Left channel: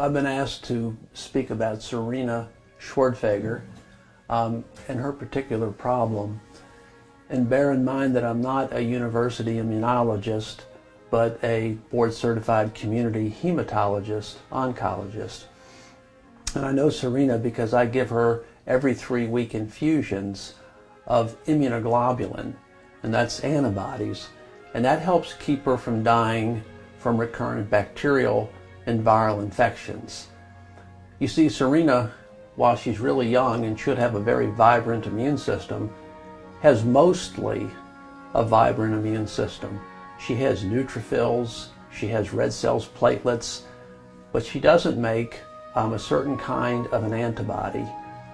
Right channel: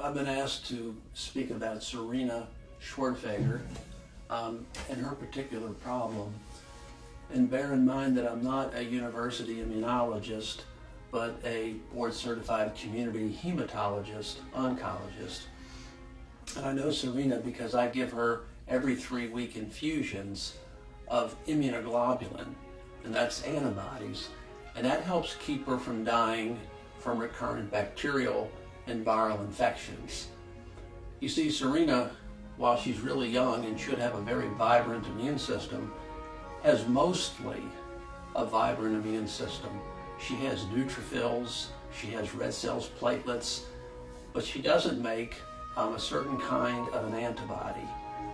I've been asked to speak about Serena Schwartfeger and her particular problem. And bear in mind that I'm not a university immunologist, but a board-certified community hematologist, oncologist. And I know Serena because I give her every 3-week infusions of immunoglobulin, and that's antibodies, and that helps keep her from dying from recurrent bacterial and viral infections. You see, Serena, while she's really young and should have a very vibrant immune system, has mostly a vibrant immune system. She has neutrophils, she has red cells, platelets, but she doesn't make a certain kind of an antibody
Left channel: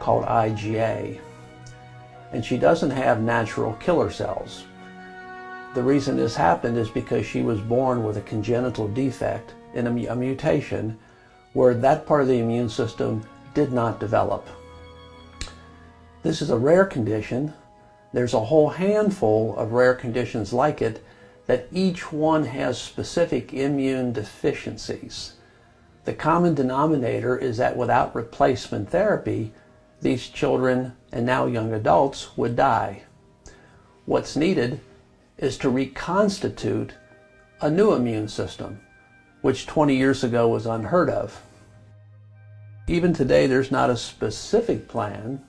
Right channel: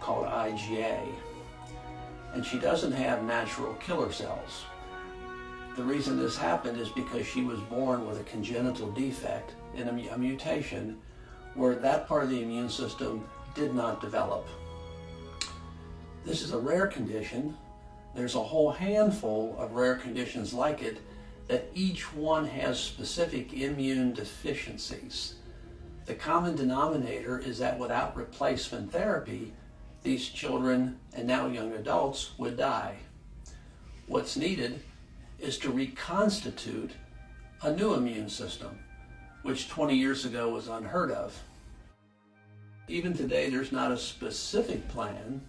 called IgA. And she doesn't have natural killer cells. The reason this happened is because she was born with a congenital defect in a mutation where that part of the immune system did not develop. This is a rare condition. There's a whole handful of rare conditions like it that each one has specific immune deficiencies. The common denominator is that without replacement therapy, these children and now young adults would die. What's needed is to reconstitute a new immune system, which 20 years ago was unheard of. Even today, there's not a specific plan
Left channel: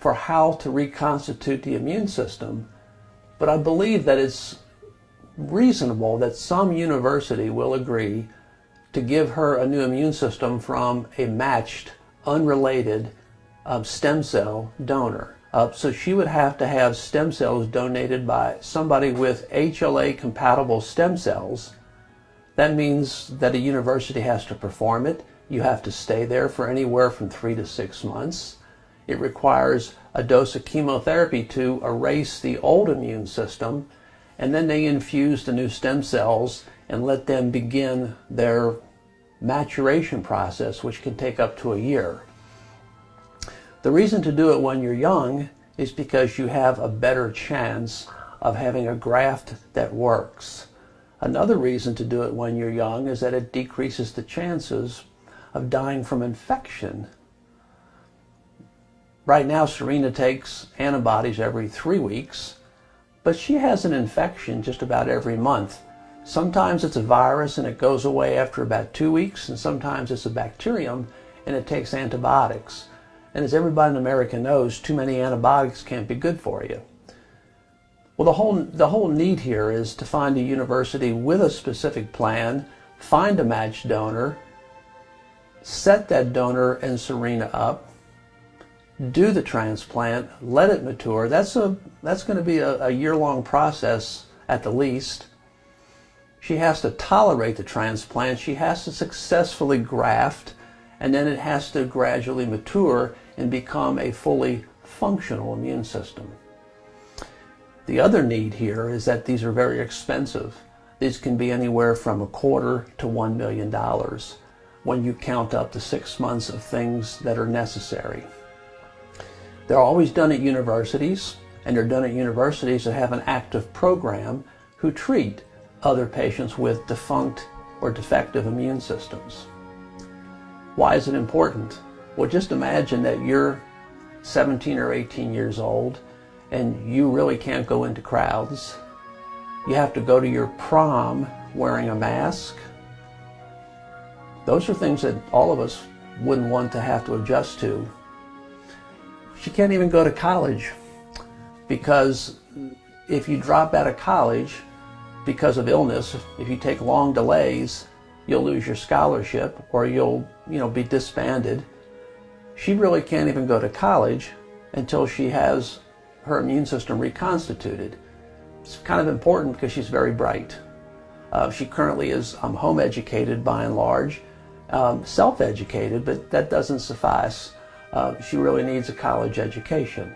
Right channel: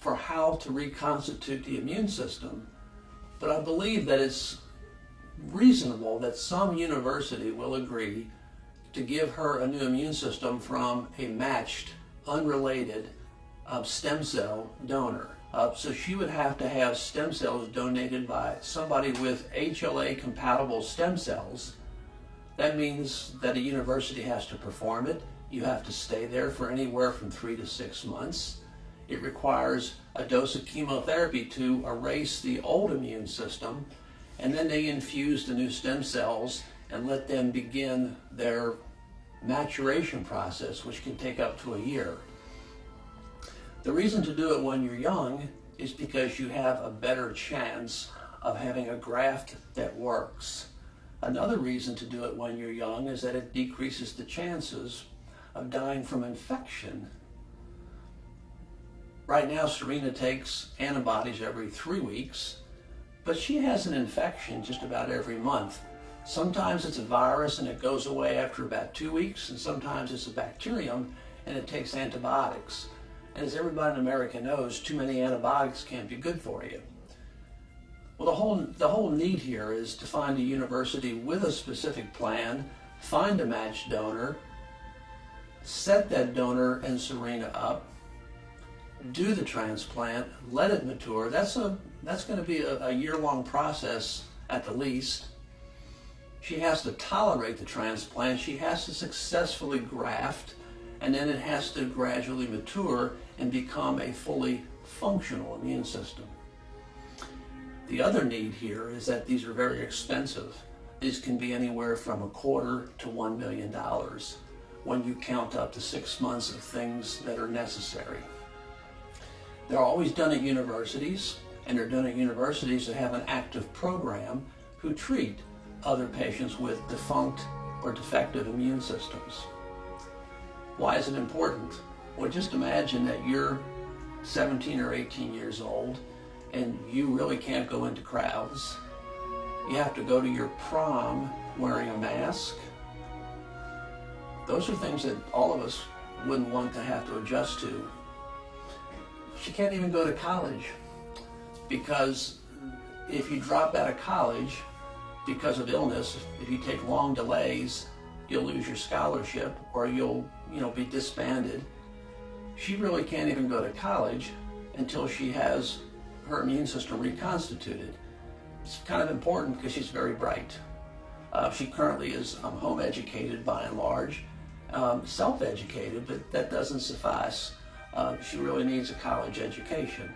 for how to reconstitute the immune system, but I believe that it's reasonable that some university will agree to give her a new immune system from a matched, unrelated stem cell donor. So she would have to have stem cells donated by somebody with HLA-compatible stem cells. That means that a university has to perform it. You have to stay there for anywhere from 3 to 6 months. It requires a dose of chemotherapy to erase the old immune system, and then they infuse the new stem cells and let them begin their maturation process, which can take up to a year. The reason to do it when you're young is because you have a better chance of having a graft that works. Another reason to do it when you're young is that it decreases the chances of dying from infection. Right now, Serena takes antibodies every 3 weeks, but she has an infection just about every month. Sometimes it's a virus and it goes away after about 2 weeks, and sometimes it's a bacterium and it takes antibiotics. And as everybody in America knows, too many antibiotics can't be good for you. Well, the whole need here is to find a university with a specific plan, find a matched donor, set that donor and Serena up, do the transplant, let it mature. That's going to be a year-long process at the least. She has to tolerate the transplant. She has to successfully graft, and then it has to gradually mature and become a fully functional immune system. The other need here is that these are very expensive. These can be anywhere from $250,000 to $1 million when you count up to 6 months of things that are necessary. They're always done at universities, and they're done at universities that have an active program who treat other patients with defunct or defective immune systems. Why is it important? Well, just imagine that you're 17 or 18 years old and you really can't go into crowds. You have to go to your prom wearing a mask. Those are things that all of us wouldn't want to have to adjust to. She can't even go to college because if you drop out of college because of illness, if you take long delays, you'll lose your scholarship or you'll be disbanded. She really can't even go to college until she has her immune system reconstituted. It's kind of important because she's very bright. She currently is home educated by and large, self-educated, but that doesn't suffice. She really needs a college education.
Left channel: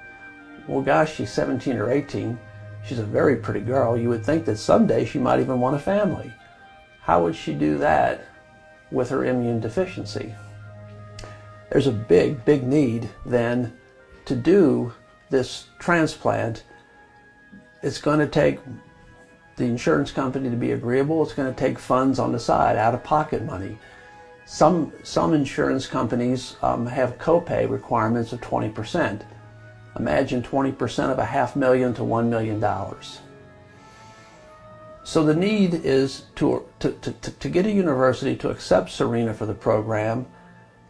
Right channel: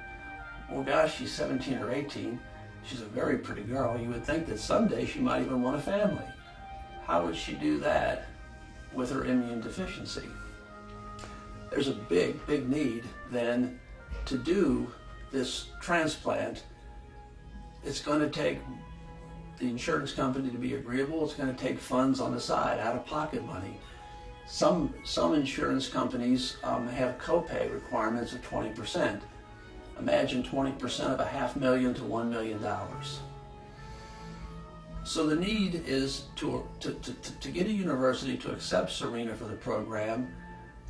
Well, gosh, she's 17 or 18. She's a very pretty girl. You would think that someday she might even want a family. How would she do that with her immune deficiency? There's a big, big need then to do this transplant. It's going to take the insurance company to be agreeable. It's going to take funds on the side, out-of-pocket money. Some insurance companies have copay requirements of 20%. Imagine 20% of $500,000 to $1 million. So the need is to get a university to accept Serena for the program,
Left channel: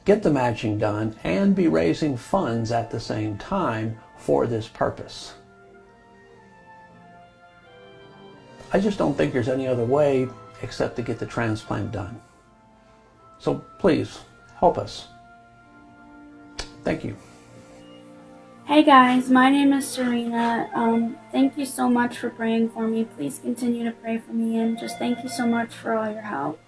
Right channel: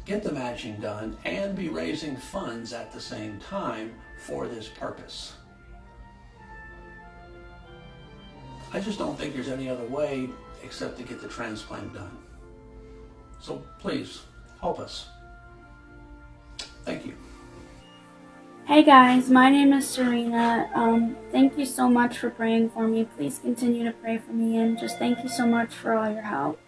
get the matching done, and be raising funds at the same time for this purpose. I just don't think there's any other way except to get the transplant done. So please, help us. Thank you. Hey guys, my name is Serena. Thank you so much for praying for me. Please continue to pray for me, and just thank you so much for all your help.